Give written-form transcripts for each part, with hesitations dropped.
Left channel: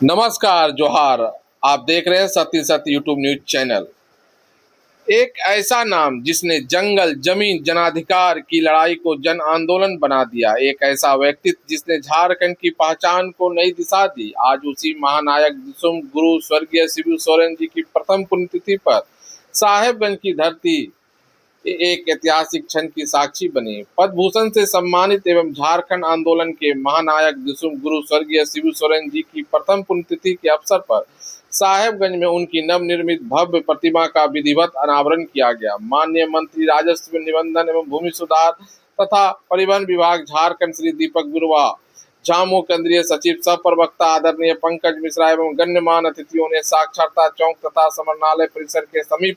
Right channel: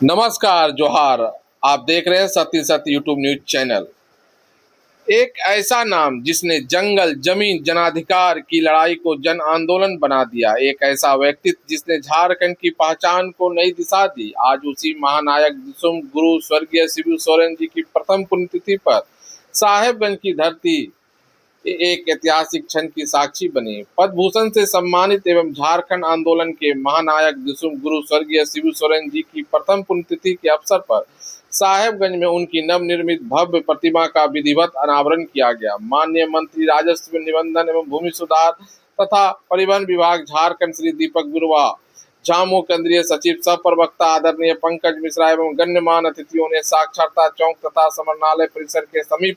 नमस्कार जोहार। आप देख रहे हैं सत्य सत्य यूट्यूब न्यूज चैनल। एक ऐसा नाम जिसने जंगल जमीन जनाधिकार की लड़ाई को जन आंदोलन बना दिया, एक ऐसा व्यक्तित्व जिसने झारखंड की पहचान को नई दिशा दी। आज उसी महानायक दिसुम गुरु स्वर्गीय शिबू सोरेन जी की प्रथम पुण्यतिथि पर साहेबगंज की धरती एक ऐतिहासिक क्षण की साक्षी बनी। पद्म भूषण से सम्मानित एवं झारखंड आंदोलन के महानायक दिसुम गुरु स्वर्गीय शिबू सोरेन जी की प्रथम पुण्यतिथि के अवसर पर साहेबगंज में उनकी नवनिर्मित भव्य प्रतिमा का विधिवत अनावरण किया गया। माननीय मंत्री राजस्व निबंधन एवं भूमि सुधार तथा परिवहन विभाग झारखंड श्री दीपक गुरुवा, झामू केंद्रीय सचिव सह प्रवक्ता आदरणीय पंकज मिश्रा एवं गण्यमान्य अतिथियों ने साक्षरता चौक तथा समरनालय परिसर के समीप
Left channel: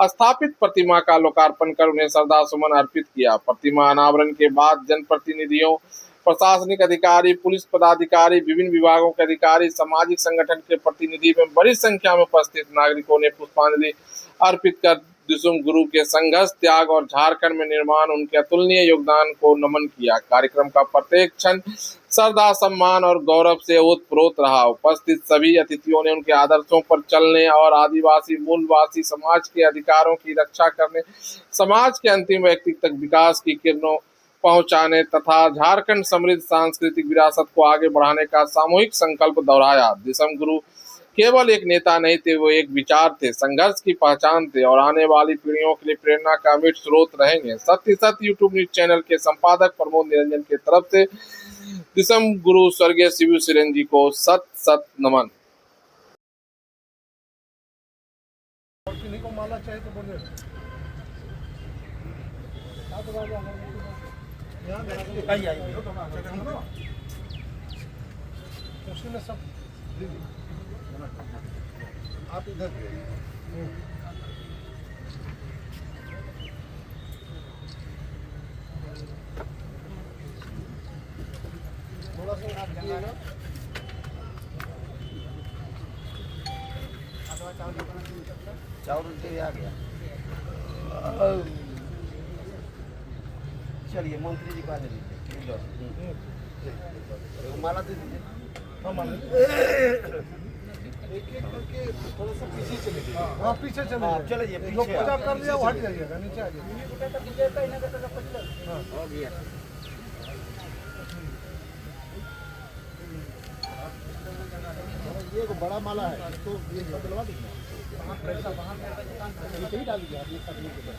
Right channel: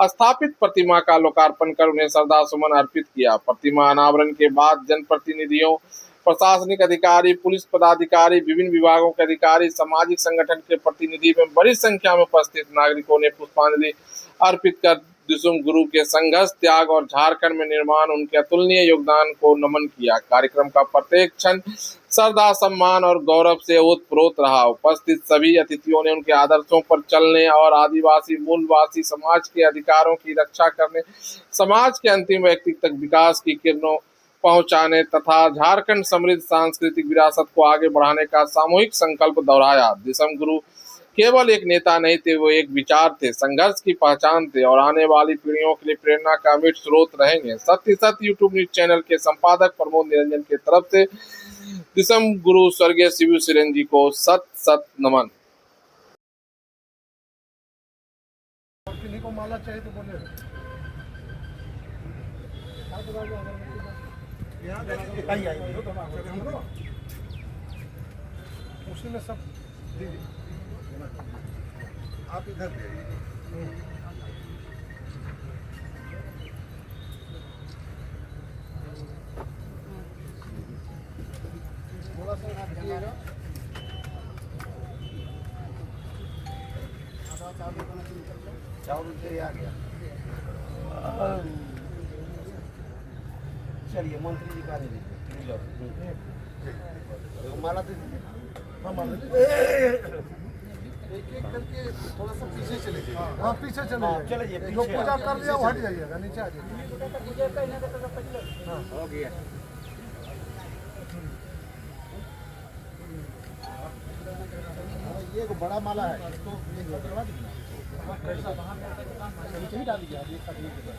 स्थापित प्रतिमा का लोकार्पण कर उन्हें श्रद्धा सुमन अर्पित किया। प्रतिमा अनावरण के बाद जनप्रतिनिधियों, प्रशासनिक अधिकारी, पुलिस पदाधिकारी, विभिन्न विभागों के अधिकारी, सामाजिक संगठन के प्रतिनिधि एवं बड़ी संख्या में उपस्थित नागरिकों ने पुष्पांजलि अर्पित कर दिसुम गुरु के संघर्ष, त्याग और झारखंड में निर्माण उनके अतुलनीय योगदान को नमन किया। कार्यक्रम का प्रत्येक क्षण श्रद्धा, सम्मान और गौरव से ओतप्रोत रहा। उपस्थित सभी अतिथियों ने उनके आदर्शों पर चलने और आदिवासी मूलवासी समाज के अधिकारों की रक्षा करने, समाज के अंतिम व्यक्ति तक विकास की किरणों पहुंचाने तथा झारखंड समृद्ध सांस्कृतिक विरासत को आगे बढ़ाने का सामूहिक संकल्प दोहराया। दिसुम गुरु केवल एक नेता नहीं थे, वो एक विचार थे, संघर्ष की पहचान थे और आने वाली पीढ़ियों के लिए प्रेरणा का अमिट स्रोत रहेंगे। सत्य सत्य यूट्यूब न्यूज चैनल के संपादक प्रमोद निरंजन की तरफ से दिसुम गुरु स्वर्गीय शिबू सोरेन जी को सत सत नमन। को माला चाहिए तो बोले उसी में सब दीदी आप इधर भी आइए। थोड़ा सा आप दिएगा। चावल से आ गया। चलिए मंत्री जी को आने दीजिए। माला दे दीजिए। एक एक करके थोड़ा सा पीछे चले। हाँ पीछे चले। चलिए जो पूजा कर लिया वो हट जाइएगा, नीचे आ जाइए। हाँ हो गया। ये बड़ा माला है तो ये बदलवा दीजिए। नीचे ही डाल दीजिए आप ये करने के बाद।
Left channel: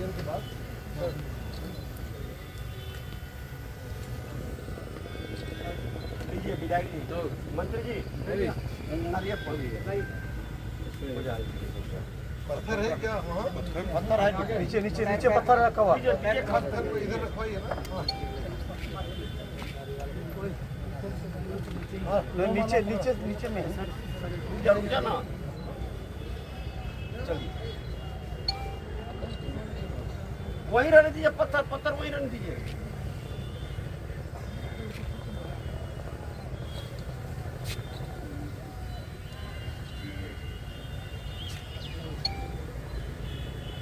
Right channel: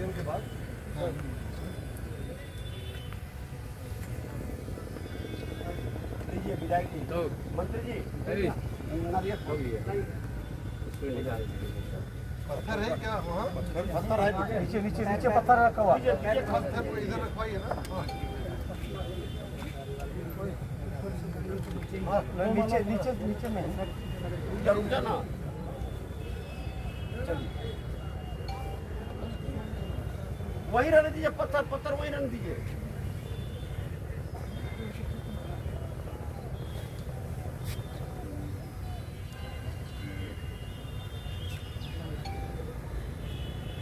के बाद लीजिए विदाई मंत्री जी नारियल पत्थर है क्या वहाँ? पत्थर है नीचे नीचे नीचे पत्थर रखा हुआ पत्थर को इधर रखवाइए ना। हाँ नीचे नीचे नीचे में रुक जा ना। चलिए वहीं रहने दीजिए, पत्थर पत्थर वहीं रहने दीजिए।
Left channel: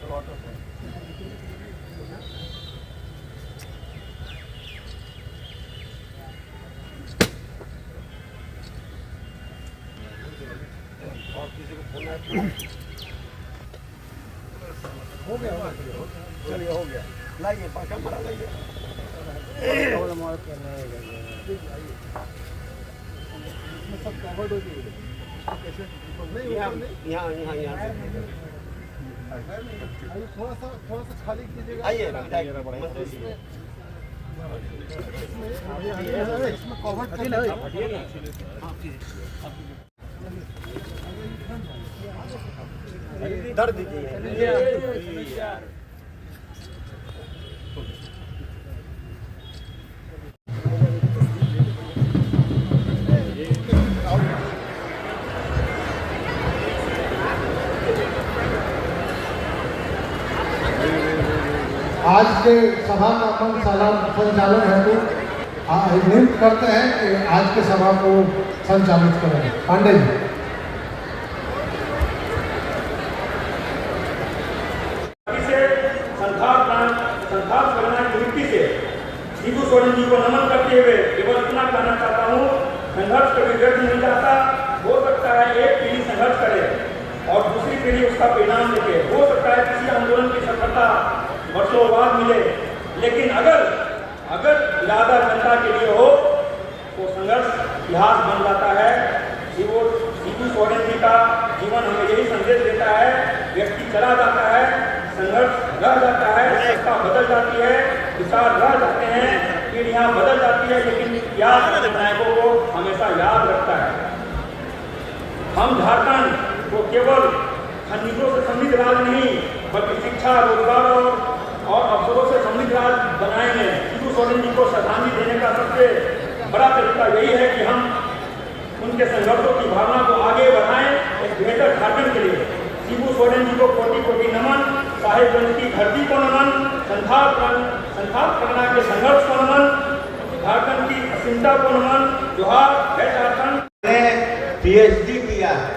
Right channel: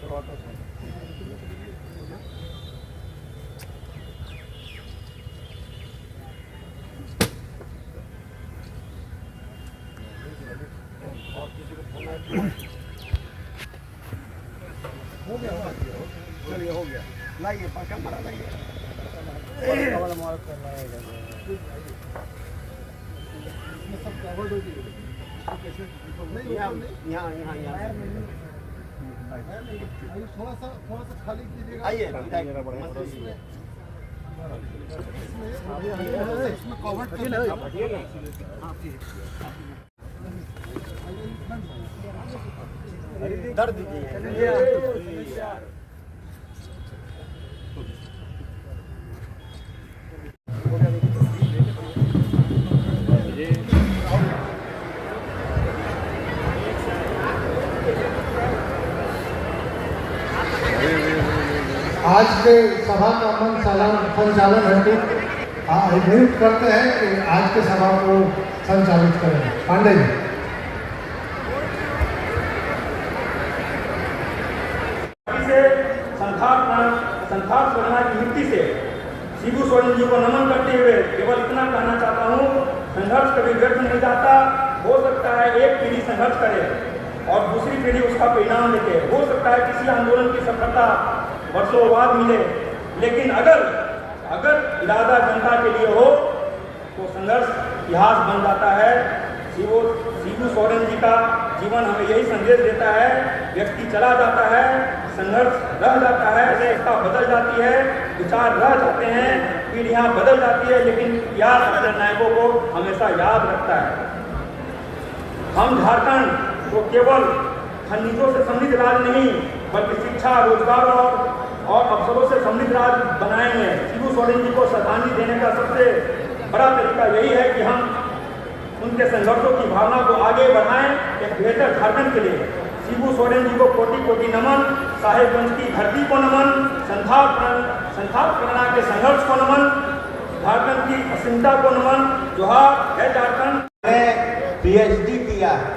ऑटो से और किसी को फोन आया हो गया। चलिए हो गया। लाइए पाका मरा लाइए। सब कवर्ड हो गई। यहाँ यहाँ यहाँ थोड़ा सा खाली कीजिएगा। आइए मंत्री जी इसमें कवर्ड दर्द दीजिए। आज के सभा का संचालन हेतु नियुक्त करते हैं कि आज के सभा को संचालित करें। पांडे जी। संथाल करना की मिट्टी से शिबू सोरेन जी को नमन करते हुए केवल इतना कहना चाहता हूँ, संघर्ष कभी व्यर्थ नहीं जाता। हो सकता है एक पीढ़ी संघर्ष करे और दूसरी पीढ़ी उसका परिणाम देखे, हो सकता है किसी आंदोलन की सफलता वर्षों बाद मिले, लेकिन अगर इरादा जनता के लिए हो तो संघर्ष इतिहास बन जाता है। शिबू सोरेन जी का जीवन हमें यही संदेश देता है, व्यक्ति चला जाता है, संघर्ष रह जाता है, सत्ता बदल जाती है, विचार रह जाते हैं, पीढ़ियां बदल जाती है, लेकिन इतिहास अपने नायकों को हमेशा याद रखता है। हम झारखंड को केवल खनिजों से समृद्ध राज्य नहीं बल्कि शिक्षा, रोजगार और अवसरों से समृद्ध राज्य बनाएंगे। शिबू सोरेन जी को श्रद्धांजलि देने का सबसे बड़ा तरीका यही है कि हम उनके संघर्षों की भावना को आगे बढ़ाएं एक बेहतर झारखंड के लिए। शिबू सोरेन जी को कोटि कोटि नमन, साहेबगंज की धरती को नमन, संथाल परगना के संघर्ष को नमन, झारखंड की असीमता को नमन। जोहार है झारखंड। मैंने पीएचडी किया है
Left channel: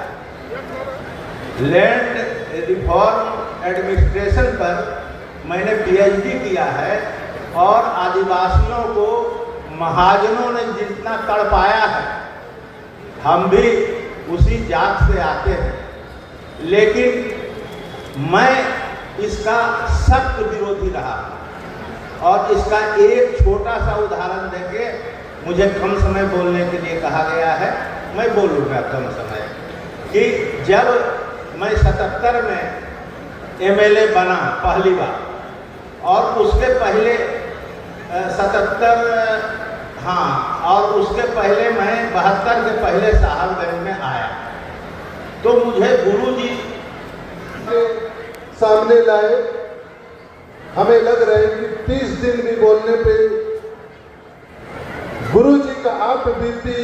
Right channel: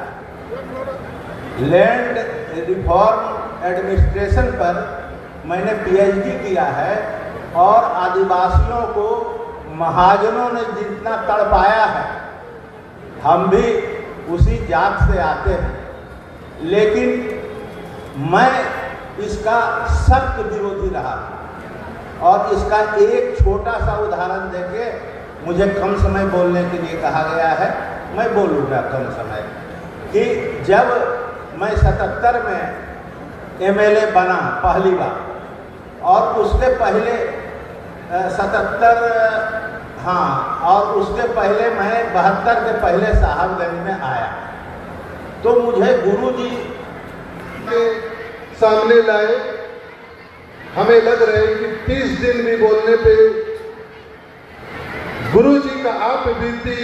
लैंड रिफॉर्म एडमिनिस्ट्रेशन पर, मैंने पीएचडी किया है और आदिवासियों को महाजनों ने जितना तड़पाया है, हम भी उसी जात से आते हैं, लेकिन मैं इसका सख्त विरोधी रहा और इसका एक छोटा सा उदाहरण देके मुझे कम समय बोलने के लिए कहा गया है, मैं बोलूँगा कम समय। कि जब मैं 77 में एमएलए बना पहली बार और उसके पहले 77 और उसके पहले मैं 72 के पहले साहबगंज में आया, तो मुझे गुरुजी के सामने लाए। हमें लग रहा है कि 30 दिन भी बोलने पे गुरुजी का आप बीती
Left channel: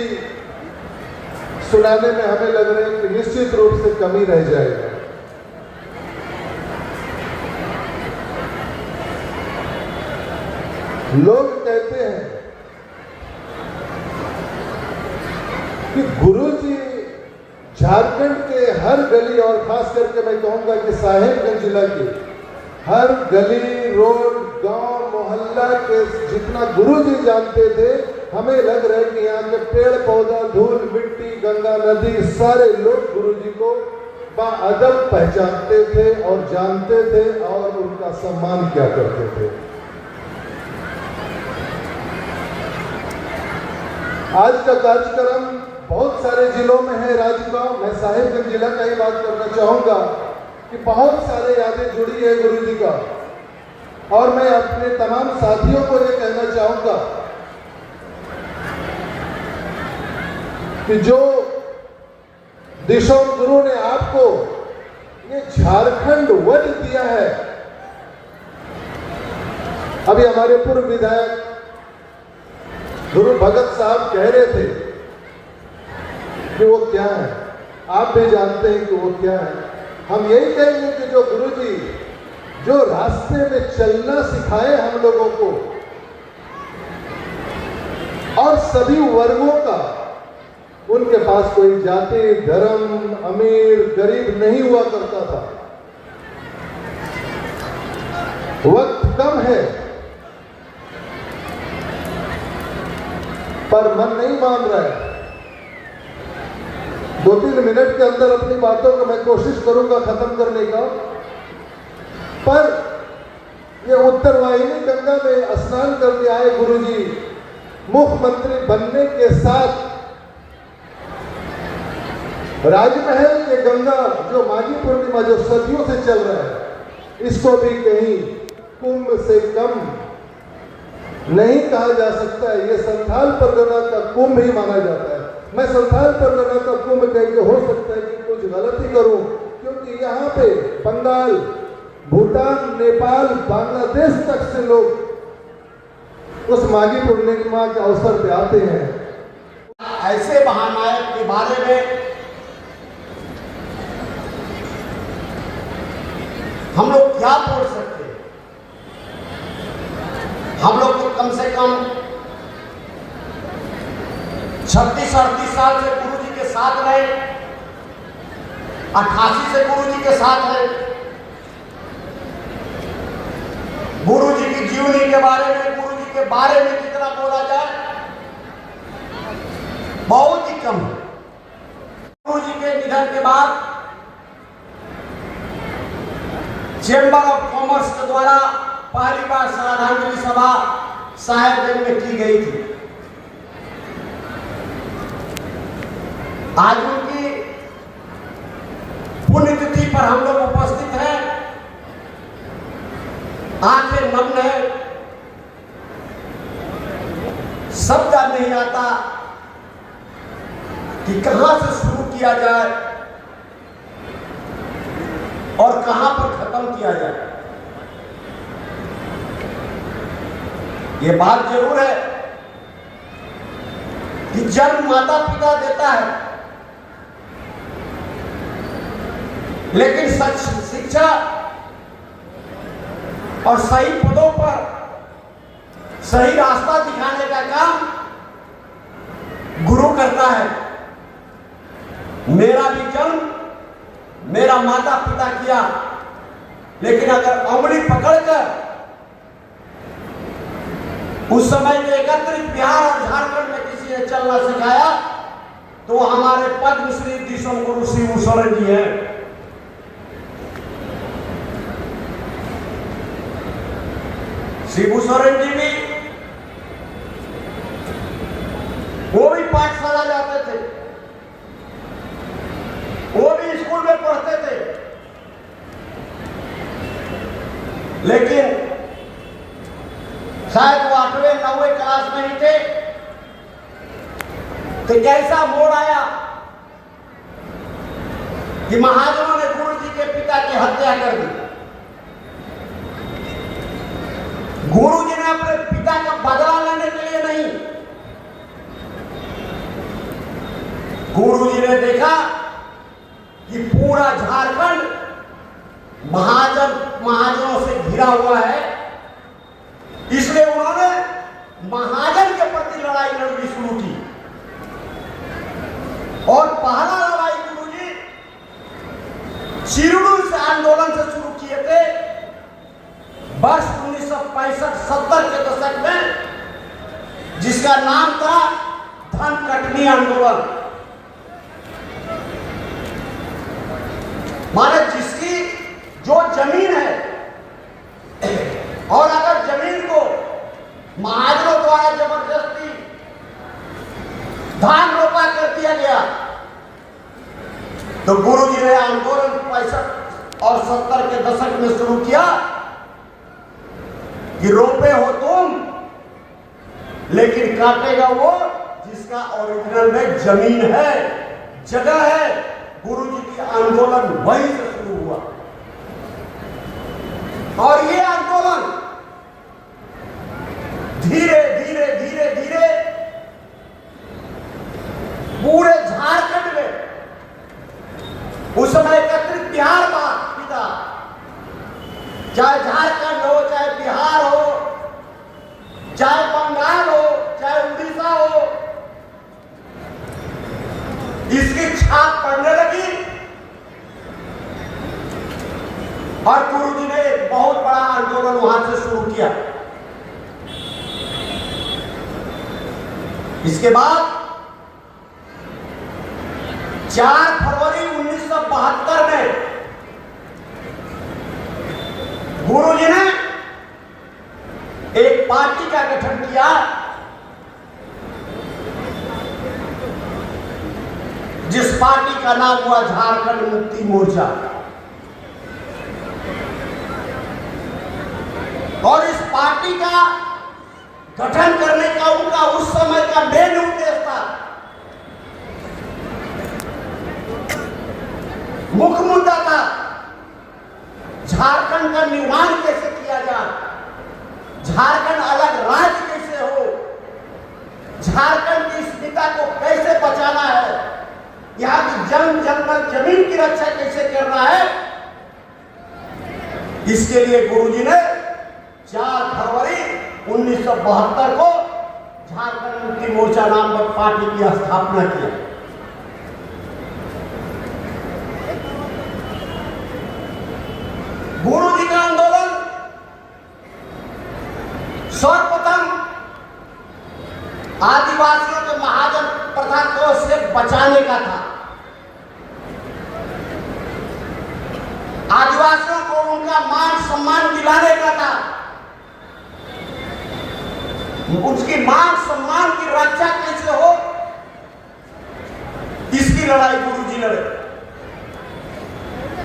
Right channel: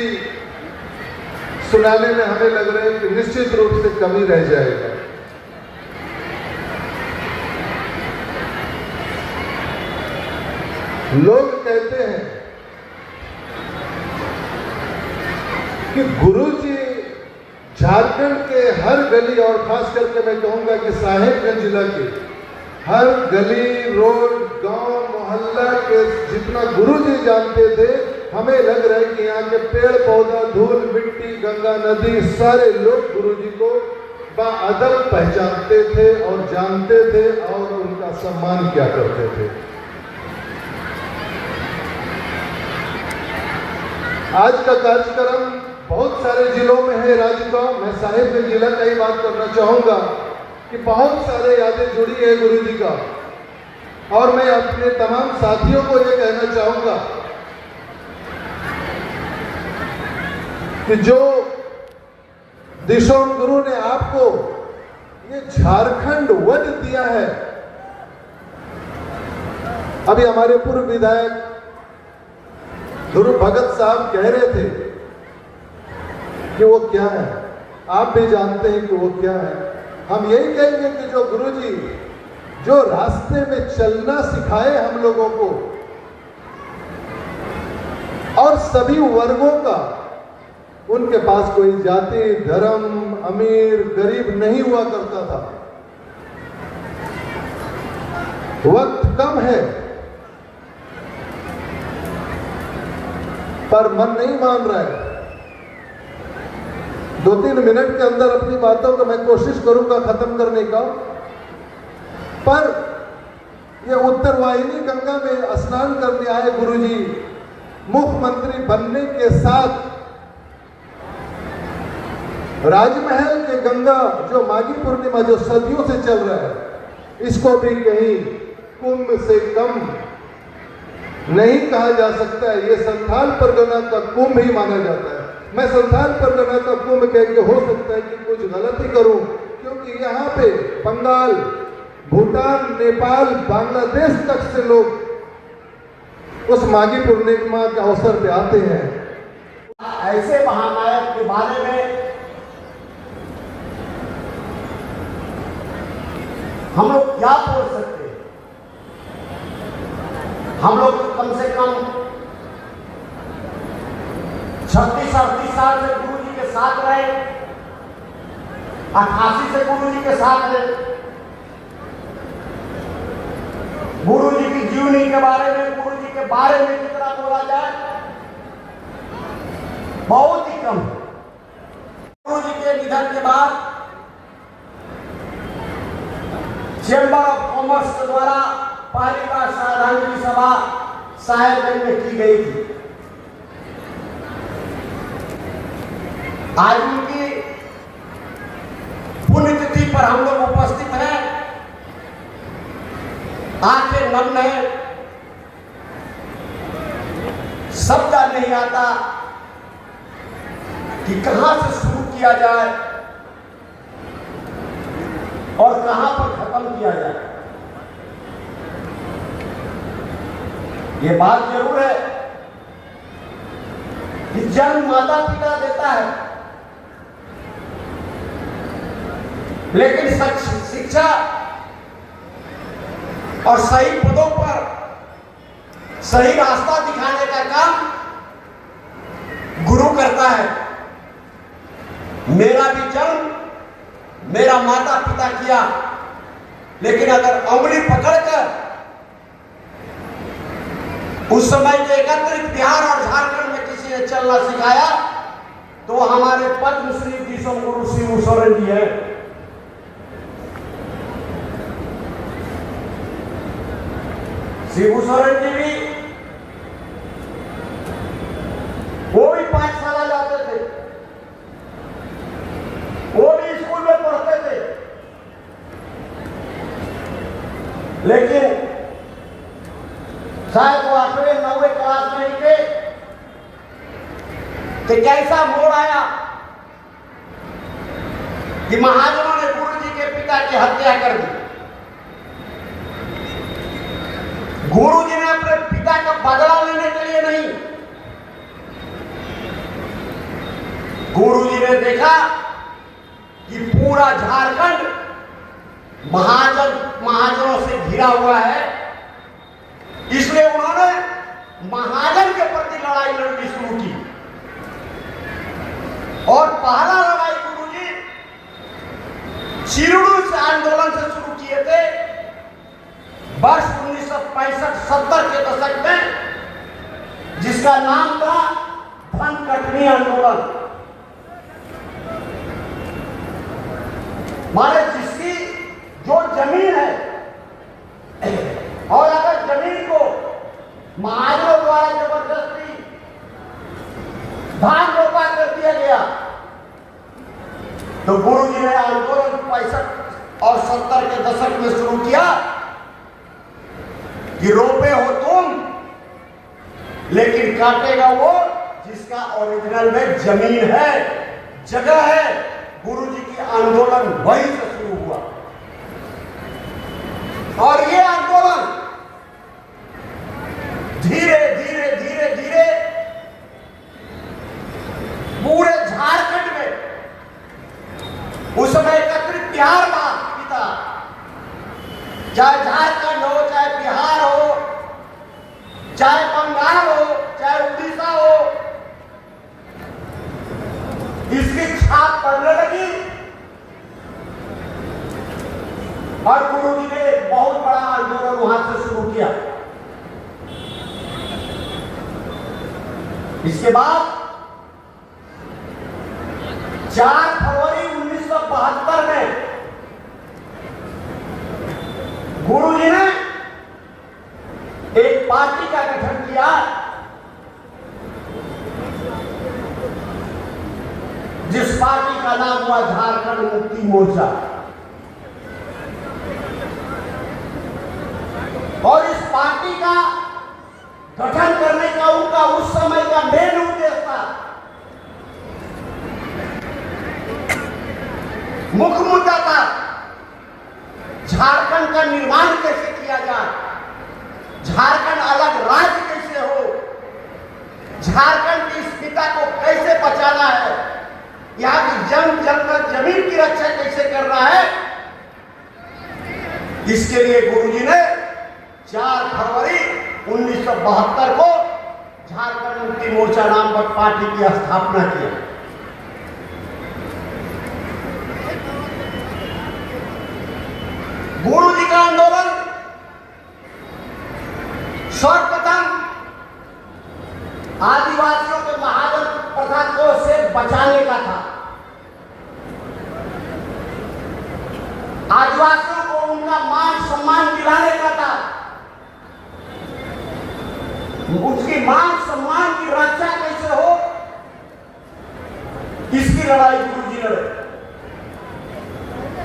सुनाने में हमें लग रहा है कि निश्चित रूप से कमी रह जाएगा। लोग कहते हैं कि गुरुजी झारखंड के हर गली और खास करके मैं कहूंगा कि साहेबगंज जिला के हर गली, रोड, गांव, मोहल्ला के जितना गुरुजी जानते थे, हमें लग रहा है कि यहाँ के पेड़ पौधा, धूल मिट्टी, गंगा नदी, सारे लोग गुरुजी को बाअदब पहचानते थे और जानते थे और उनका सम्मान किया करते थे। आज का कार्यक्रम बहुत सारे जिलों में है राज्य का। मैं साहेबगंज जिला का ही बात करना चाहूंगा कि बहुत सारे यादें जुड़ी है गुरुजी का, और मैं अपने तमाम साथियों को ये कहना चाहूंगा कि जो दिशोम गुरु ने आपको ये झारखंड वन दिया है, अभी हमारे पूर्व विधायक गुरु भगत साहब कह रहे थे कि वो क्या है, आप भी जानते हैं कि वो क्या है। हम यही कहेंगे कि जो गुरुजी जो रास्ते में चलना सिखाए हम लोगों को, और सभी वर्गों का, उनके पास कोई जाति, धर्म, अमीर गरीब नहीं हुआ करता था। वक्त कम है पर मन नहीं मान रहा है। 2-3 मिनट के अंदर अपनी बातों को मैं कोशिश करूंगा खत्म करने का। पर ये उत्तरवाहिनी गंगा में स्नान करने आए गुरुजी, मुख्यमंत्री बनने के साथ राजमहल के गंगा जो माघी पूर्णिमा जो सदियों से चल रहा है, इसको भी कहीं कुंभ से कम नहीं कहा जा सकता है। ये संथाल परगना का कुंभ ही माना जाता है। मैं संथाल परगना का कुंभ कह के हो सकता है कि कुछ गलती करूं, क्योंकि यहाँ पे बंगाल, भूटान, नेपाल, बांग्लादेश तक से लोग उस माघी पूर्णिमा के अवसर पे आते हैं। ऐसे महानायक के बारे में हम लोग क्या बोल सकते हैं? हम लोग तो कम से कम 36-38 साल से गुरु जी के साथ रहे, 88 से गुरु जी के साथ रहे। गुरु जी की जीवनी के बारे में, गुरु जी के बारे में कितना बोला जाए, बहुत ही कम है। गुरु जी के निधन के बाद चेंबर ऑफ कॉमर्स के द्वारा पहली बार श्रद्धांजलि सभा साहेबगंज में की गई थी। आज उनकी पुण्यतिथि पर हम लोग उपस्थित हैं, आंखें नम है, शब्द नहीं आता कि कहां से शुरू किया जाए और कहां पर खत्म किया जाए। ये बात जरूर है कि जन्म माता पिता देता है, लेकिन सच शिक्षा और सही पदों पर सही रास्ता दिखाने का काम गुरु करता है। मेरा भी जन्म मेरा माता पिता किया, लेकिन अगर उंगली पकड़कर उस समय के एकत्रित बिहार और झारखंड में किसी ने चलना सिखाया तो हमारे पद्मश्री दिशों गुरु शिबू सोरेन जी है। शिबू सोरेन जी भी वो भी पाठशाला जाते थे, वो भी स्कूल में पढ़ते थे, लेकिन शायद वो 8वें 9वें क्लास में ही थे कि कैसा मोड़ आया कि महाजनों ने गुरु जी के पिता की हत्या कर दी। गुरु जी ने अपने पिता का बदला लेने के लिए नहीं, गुरु जी ने देखा कि पूरा झारखंड महाजनों से घिरा हुआ है, इसलिए उन्होंने महाजन के प्रति लड़ाई लड़नी शुरू की। और पहला लड़ाई गुरु जी शिरडू से आंदोलन से शुरू किए थे वर्ष 1965-70 के दशक में, जिसका नाम था धन कटनी आंदोलन। माने जिसकी जो जमीन है और अगर जमीन को महाजनों द्वारा जबरदस्ती धान रोपा कर दिया गया तो गुरु जी ने आंदोलन 65 और 70 के दशक में शुरू किया कि रोपे हो तुम, लेकिन काटेगा वो जिसका ओरिजिनल में जमीन है, जगह है। गुरु जी की आंदोलन वहीं से शुरू हुआ और ये आंदोलन धीरे धीरे धीरे धीरे पूरे झारखंड में, उस समय एकत्रित बिहार पिता, चाहे झारखंड हो, चाहे बिहार हो, चाहे बंगाल हो, चाहे उड़ीसा हो, इसकी छाप पड़ने लगी और गुरु जी ने बहुत बड़ा आंदोलन वहां से शुरू किया। इसके बाद 4 फरवरी 1972 में गुरु जी ने एक पार्टी का गठन किया जिस पार्टी का नाम हुआ झारखंड मुक्ति मोर्चा। और इस पार्टी का गठन करने का उनका उस समय का मेन उद्देश्य था, मुख्य मुद्दा था झारखंड का निर्माण कैसे किया जाए, झारखंड अलग राज्य कैसे हो, झारखंड की अस्मिता को कैसे बचाना है, यहाँ की जमीन की रक्षा कैसे करना है। इसके लिए गुरुजी ने 4 फरवरी 1972 को झारखंड मुक्ति मोर्चा नाम पर पार्टी की स्थापना की। गुरु जी का आंदोलन सर्वप्रथम आदिवासियों के महाजन प्रथा को से बचाने का था। आदिवासियों को उनका मान सम्मान दिलाने का था। उसकी मान सम्मान की रक्षा कैसे हो, इसकी लड़ाई गुरु जी लड़े।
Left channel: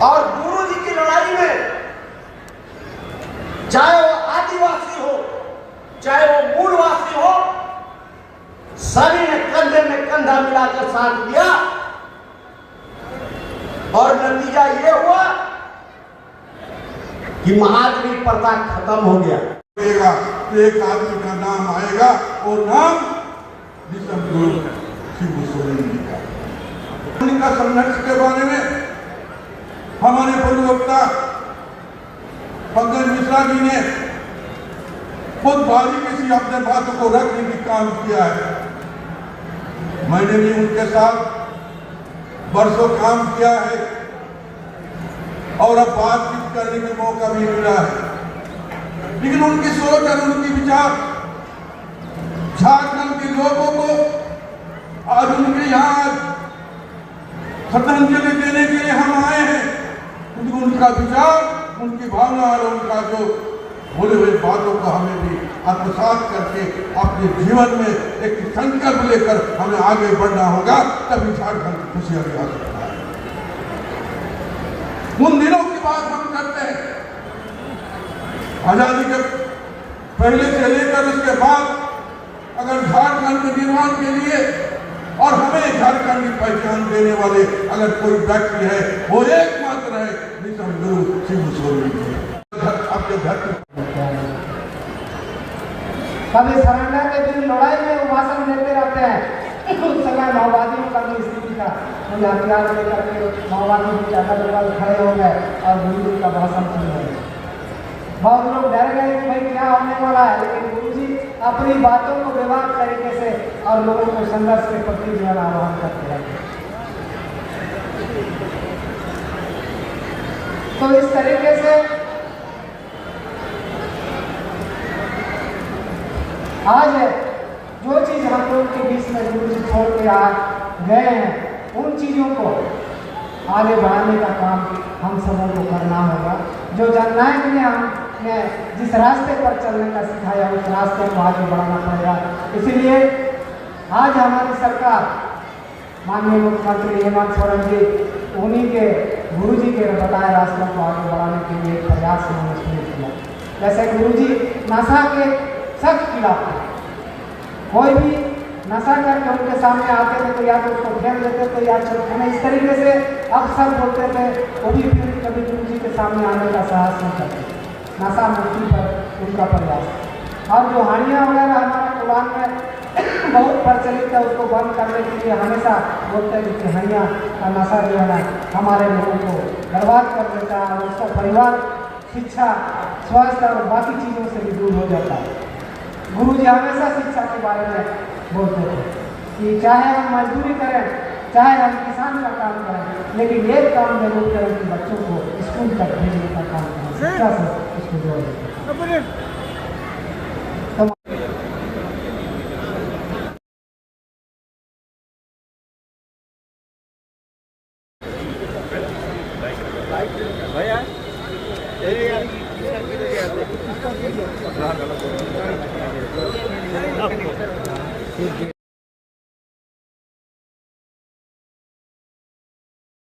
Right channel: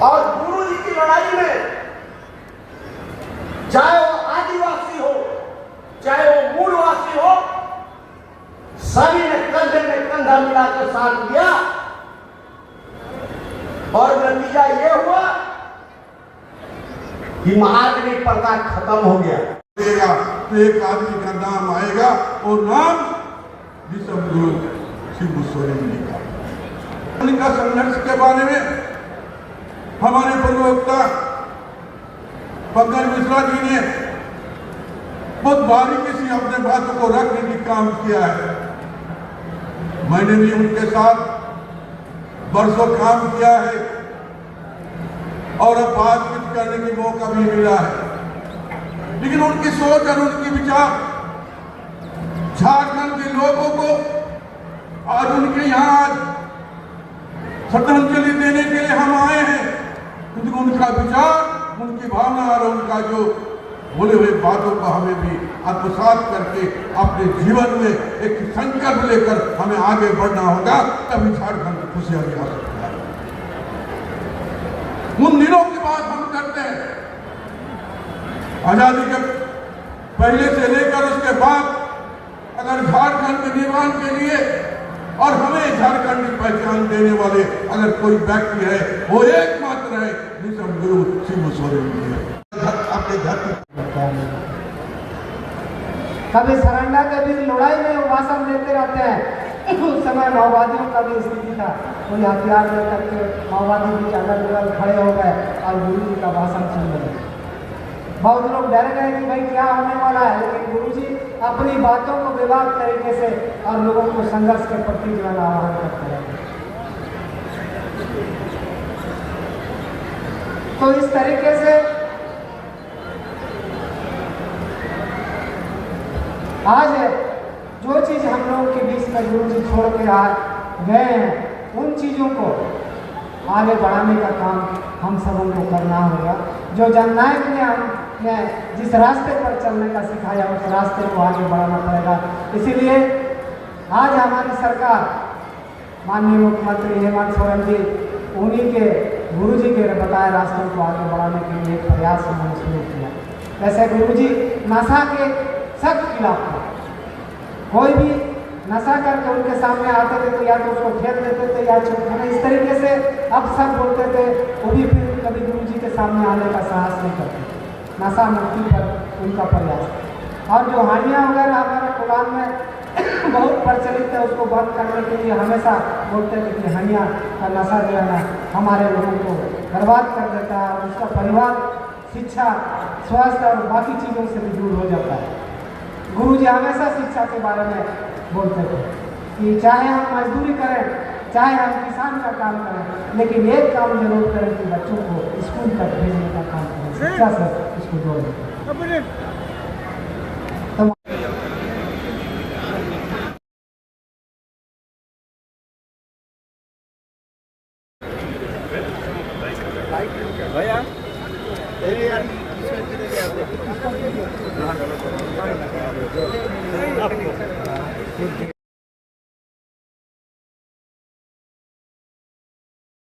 और गुरु जी की लड़ाई में चाहे वो आदिवासी हो चाहे वो मूलवासी हो, सभी ने कंधे में कंधा मिला के साथ दिया और नतीजा ये हुआ कि महाजनी प्रथा खत्म हो गया। एक आदमी का नाम आएगा, वो नाम विश्वगुरु शिबू सोरेन जी का। उनका संघर्ष के बारे में हमारे प्रवक्ता पंकज मिश्रा जी ने बहुत बारीकी से अपने बातों को रखने की काम किया है। मैंने भी उनके साथ बरसों काम किया है और अब बातचीत करने का मौका भी मिला है। लेकिन उनकी सोच और उनके विचार झारखंड के लोगों को आज उनके यहाँ श्रद्धांजलि देने के लिए हम आए हैं, क्योंकि उनका विचार, उनकी भावना और उनका जो बोले हुए बातों को हमें भी आत्मसात करके अपने जीवन में एक संकल्प लेकर हमें आगे बढ़ना होगा, तभी झारखंड की खुशियां आ सकता है। उन दिनों की बात हम करते हैं, आजादी के पहले से लेकर उसके बाद अगर झारखंड में निर्माण के लिए और हमें झारखंड की पहचान देने वाले अगर कोई व्यक्ति है, वो एकमात्र है विश्वगुरु शिबू सोरेन जी। आपके घर कभी सरंडा के भी लड़ाई में वो भाषण देते रहते हैं। उस समय माओवादियों का भी स्थिति था, कोई हथियार लेकर के माओवादी भी अगल बगल खड़े हो गए और गुरु जी का भाषण सुन रहे। बहुत लोग डर गए कि भाई क्या होने वाला है, लेकिन गुरु जी अपनी बातों को विवाद तरीके से और लोगों को संघर्ष के प्रति जो है आह्वान करते हैं। तो इस तरीके से आज जो चीज हम लोग के बीच में गुरु जी छोड़ के आज गए हैं, उन चीजों को आगे बढ़ाने का काम हम सबों को करना होगा। जो जननायक ने हमें जिस रास्ते पर चलने का सिखाया, उस रास्ते को आगे बढ़ाना पड़ेगा। इसीलिए आज हमारी सरकार, माननीय मुख्यमंत्री हेमंत सोरेन जी, उन्हीं के गुरु जी के बताए रास्तों को आगे बढ़ाने के लिए प्रयास उन्होंने किया। जैसे गुरु जी नशा के सख्त खिलाफ थे, कोई भी नशा करके उनके सामने आते थे तो या तो उसको फेर देते थे या तो इस तरीके से अब सब बोलते थे, वो भी फिर कभी गुरु जी के सामने आने का साहस नहीं करते। नशा मुक्ति पर उनका प्रयास। और जो हानियाँ वगैरह हमारे कुरान में बहुत प्रचलित है, उसको बंद करने के लिए हमेशा बोलते हैं कि हानियाँ का नशा जो है ना हमारे लोगों को बर्बाद कर देता है और उसका परिवार, शिक्षा, स्वास्थ्य और बाकी चीज़ों से भी दूर हो जाता है। गुरु जी हमेशा शिक्षा के बारे में बोलते थे कि चाहे हम मजदूरी करें, चाहे हम किसान का काम करें, लेकिन एक काम जरूर करें कि बच्चों को स्कूल तक भेजने का काम करें, शिक्षा से इसको जोड़ें। भैया